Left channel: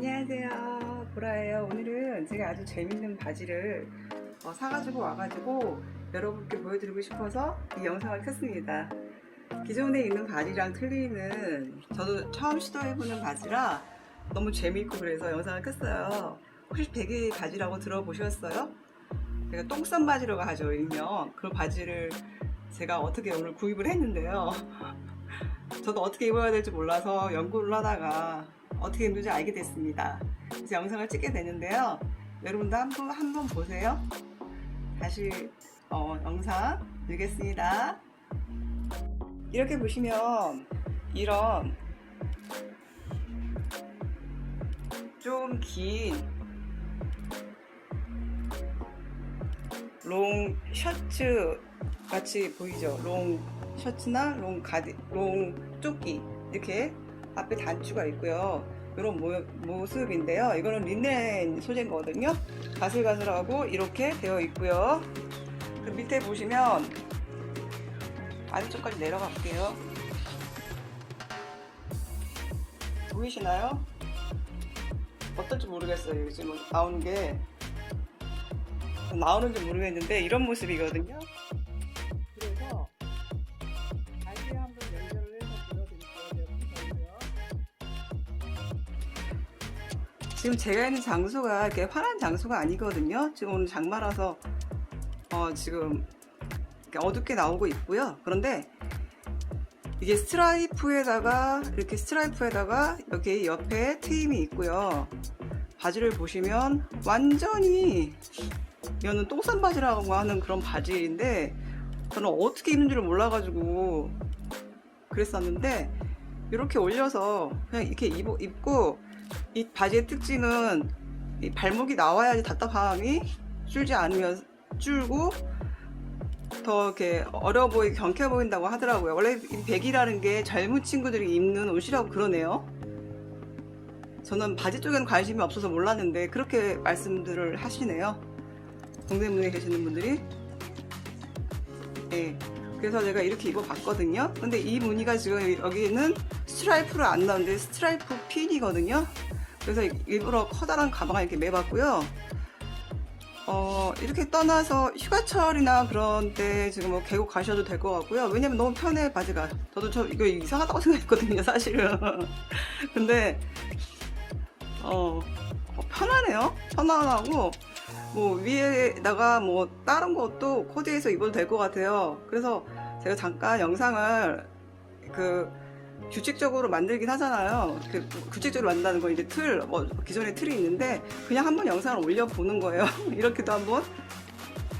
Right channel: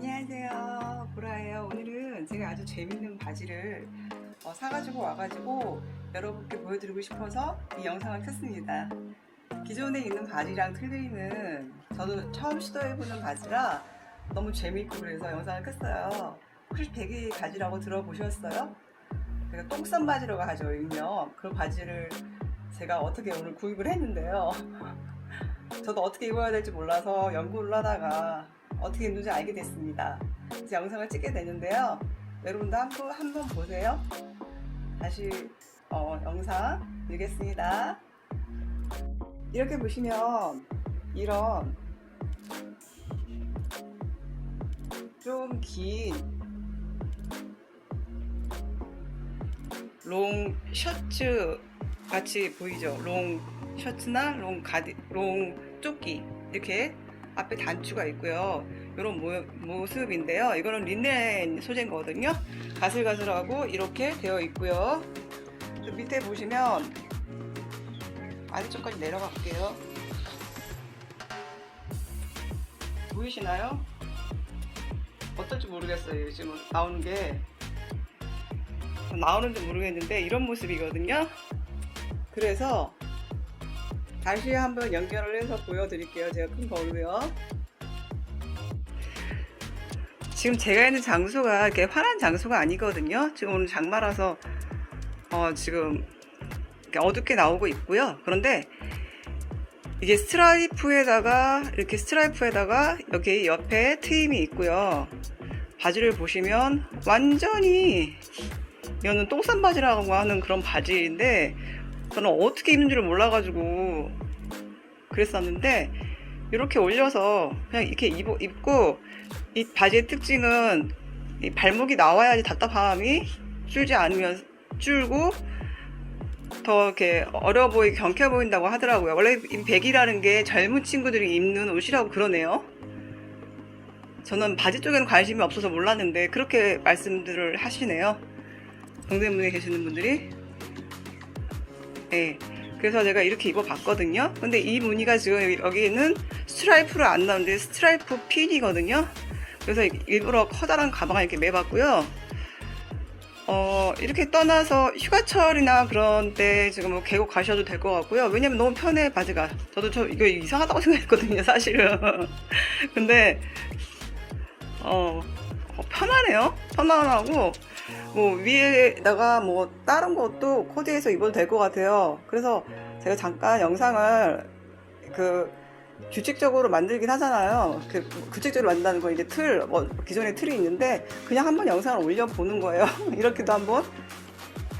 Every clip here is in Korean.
안녕하세요. 보라예요. 오늘은 제가 아주 재밌는 바지를 어, 사가지고 와가지고 여러분께 보여드리고 싶어서 이 영상을 켰습니다. 기존에 있는 바지랑 틀리는 저도 처음 시도해보는 바지라 너무 재밌고 그래서 영상을 켰어요. 혹시 대기 바지라고 들어보셨어요? 제가 똥싼 바지라고 하죠 일명. 그 바지를 제가 어떻게 오늘 구입을 했는데요 저도 어떻게 입어야 될지 몰라서 연구를 하다가 어떻게 입는지 알게 됐습니다. 그래서 영상을 찍게 됐는데요. 여러분도 한번 한번 보세요. 다시 어, 영상 드리겠습니다. 이렇게 보시면 이런 좀 긴 롱 셔츠 같이 보이죠? 롱 셔츠나 롱 가디, 롱 조끼 이렇게 앞에 단추가 있고요. 이런 모, 모습인데요. 이거는 린넨 소재인 거거든요. 가슬가슬하고 이렇게 되어 있고요. 그 밑에 보시면 아래쪽까지 내려갈게요. 보이시나요? 어떨지 모르겠어요. 지금 나오는 게 나오는지 모르겠는데 이런 모습이거든요. 그래서 다시 한번 연결을 해서 보여드릴게요. 제가 큰 거고요. 지금 제가 있는 장소가 이렇게 환한 장소가 아니거든요. 지금 오늘 장마라서 어, 지금 이렇게 어둡게 나오고 있고요. 그런데 이게 스트라이프에다가 이렇게 스트라이프에다가 여기 옆에 트임이 있고요. 바지를 보시면 완전히 이거는 똥싼 바지라고 하는 그런 바지인데 저는 어떻게 입는 줄을 몰라가지고 그랬었는데 이렇게 올려서 그냥 이렇게 입, 입고 이 바지의 특징은 이 발목이 나와야지 답답함이 줄지 않으면 줄고 더 이렇게 어려 보이게 경쾌해 보인다고 하더라고요. 원래 이 백이라는 게 젊은 친구들이 입는 옷이라고 그러네요. 저는 바지 쪽에는 관심이 없어서 몰랐는데 그렇게 말씀들을 하시네요. 동대문에 계시는 분들이. 네. 그래서 제가 이렇게 입어봤거든요. 근데 이 무늬가 지금 여기는 스트라이프를 안 나오는데 스트라이프 핀이거든요. 그래서 일부러 커다란 가방을 이렇게 매봤고요. 어, 이렇게 떠나서 휴가철이나 그런 때 지금 뭐 계곡 가셔도 될 것 같고요. 왜냐면 너무 편해, 바지가. 저도 저 이거 이상하다고 생각했거든요, 사실은. 근데, 어, 어, 편하네요. 편안하고, 뭐 위에다가 뭐 다른 것도 코디해서 입어도 될 것 같아요. 그래서 제가 잠깐 영상을 그 규칙적으로 만들긴 하잖아요. 그 규칙적으로 만든다는 건 이제 틀, 뭐 기존에 틀이 있는데 그냥 한번 영상을 올려보는 거예요. 이렇게도 한번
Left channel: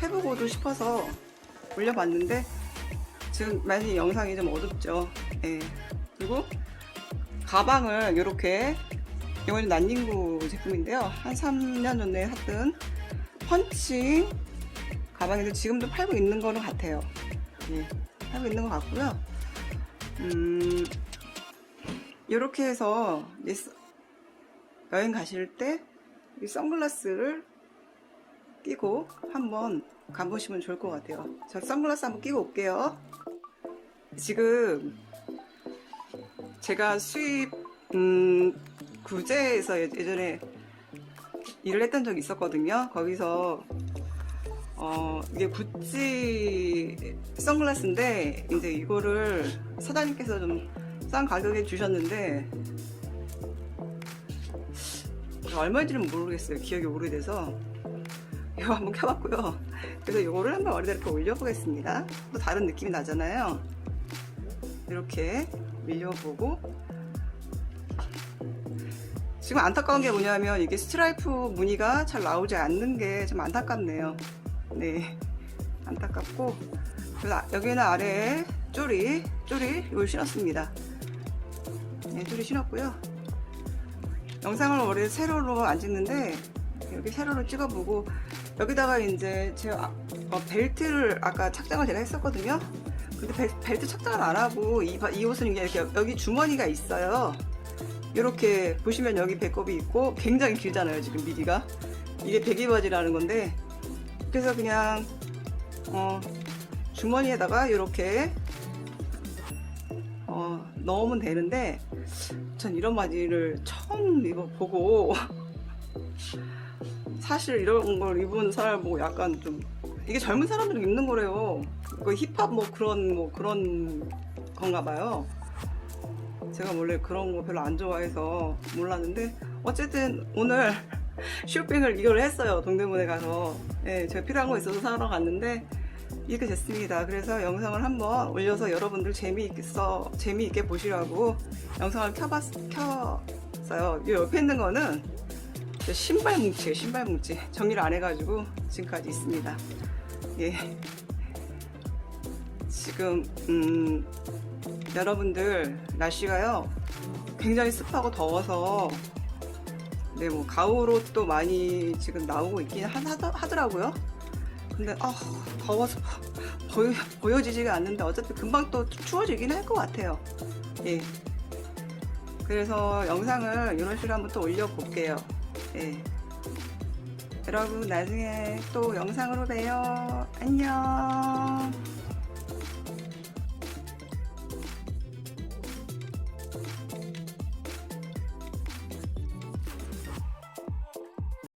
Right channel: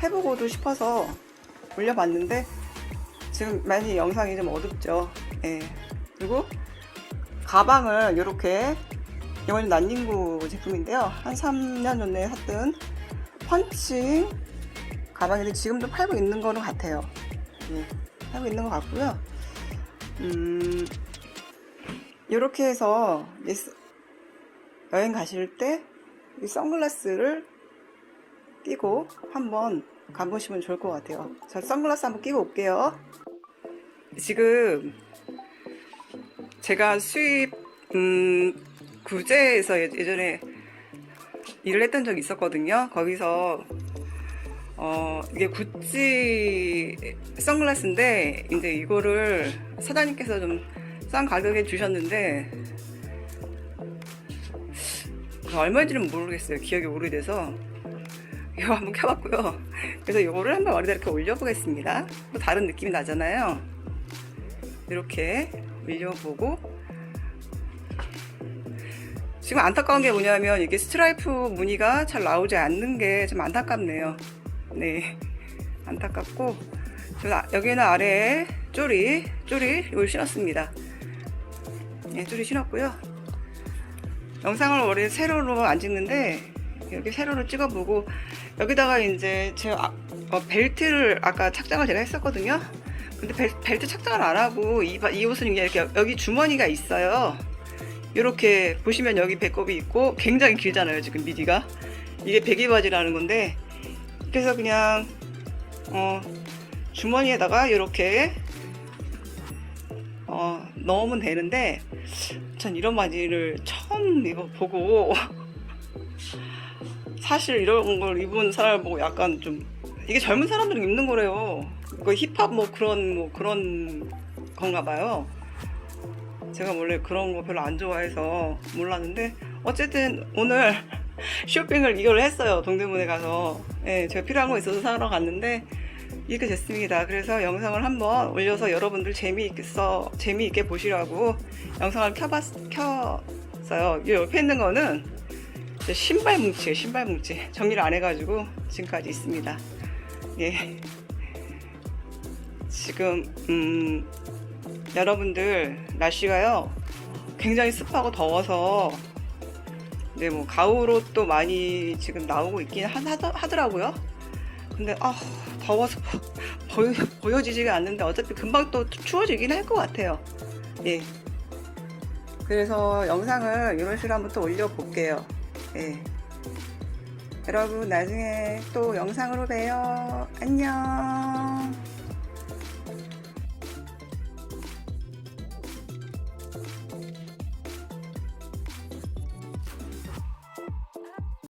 해보고도 싶어서 올려봤는데 지금 많이 영상이 좀 어둡죠. 예. 그리고 가방을 이렇게 이거는 난닝구 제품인데요. 한 3년 전에 샀던 펀칭 가방인데 지금도 팔고 있는 거는 같아요. 예, 팔고 있는 것 같고요. 음, 이렇게 해서 여행 가실 때 이 선글라스를 끼고 한번 가보시면 좋을 것 같아요. 저 선글라스 한번 끼고 올게요. 지금 제가 수입 음, 구제에서 예- 예전에 일을 했던 적이 있었거든요. 거기서 어 이게 구찌 선글라스인데 이제 이거를 사장님께서 좀 싼 가격에 주셨는데 얼마인지는 모르겠어요. 기억이 오래돼서 이거 한번 켜봤고요. 그래서 이거를 한번 머리다 이렇게 올려보겠습니다. 또 다른 느낌이 나잖아요. 이렇게 올려보고 지금 안타까운 게 뭐냐면 이게 스트라이프 무늬가 잘 나오지 않는 게 좀 안타깝네요. 네, 안타깝고 여기는 아래에 쪼리, 쪼리 이걸 신었습니다. 네, 쪼리 신었고요. 영상을 원래 세로로 안 찍는데 이렇게 세로로 찍어보고 여기다가 이제 제가 아- 어, 벨트를 아까 착장을 제가 했었거든요. 근데 벨, 벨트 착장을 안 하고 이, 바- 이 옷은 이렇게 여기 주머니가 있어요. 이렇게 보시면 여기 배꼽이 있고 굉장히 길잖아요 지금 미디가 이게 배기 바지라는 건데 그래서 그냥 어, 주머니에다가 이렇게 어, 어, 넣으면 되는데 전 이런 바지를 처음 입어보고 사실 이런 걸 입은 사람을 보고 약간 좀 이게 젊은 사람들이 입는 거래요. 그 힙합 뭐 그런 뭐 그런 건가 봐요. 제가 원래 그런 거 별로 안 좋아해서 몰랐는데 어쨌든 오늘 쇼핑을 이걸 했어요. 동대문에 가서. 예, 제가 필요한 거 있어서 사러 갔는데 이렇게 됐습니다. 그래서 영상을 한번 올려서 여러분들 재미있어 재미있게 보시라고 영상을 켜봤 켰어요. 이 옆에 있는 거는 저 신발 뭉치예요. 신발 뭉치 정리를 안 해가지고 지금까지 있습니다. 예. 지금 음, 여러분들 날씨가요 굉장히 습하고 더워서 네 뭐 가을옷도 많이 지금 나오고 있긴 하, 하더라고요. 근데 아 더워서 보여, 보여지지가 않는데 어차피 금방 또 추워지긴 할 것 같아요. 예. 그래서 영상을 이런 식으로 한번 또 올려볼게요. 예. 여러분 나중에 또 영상으로 봬요. 안녕.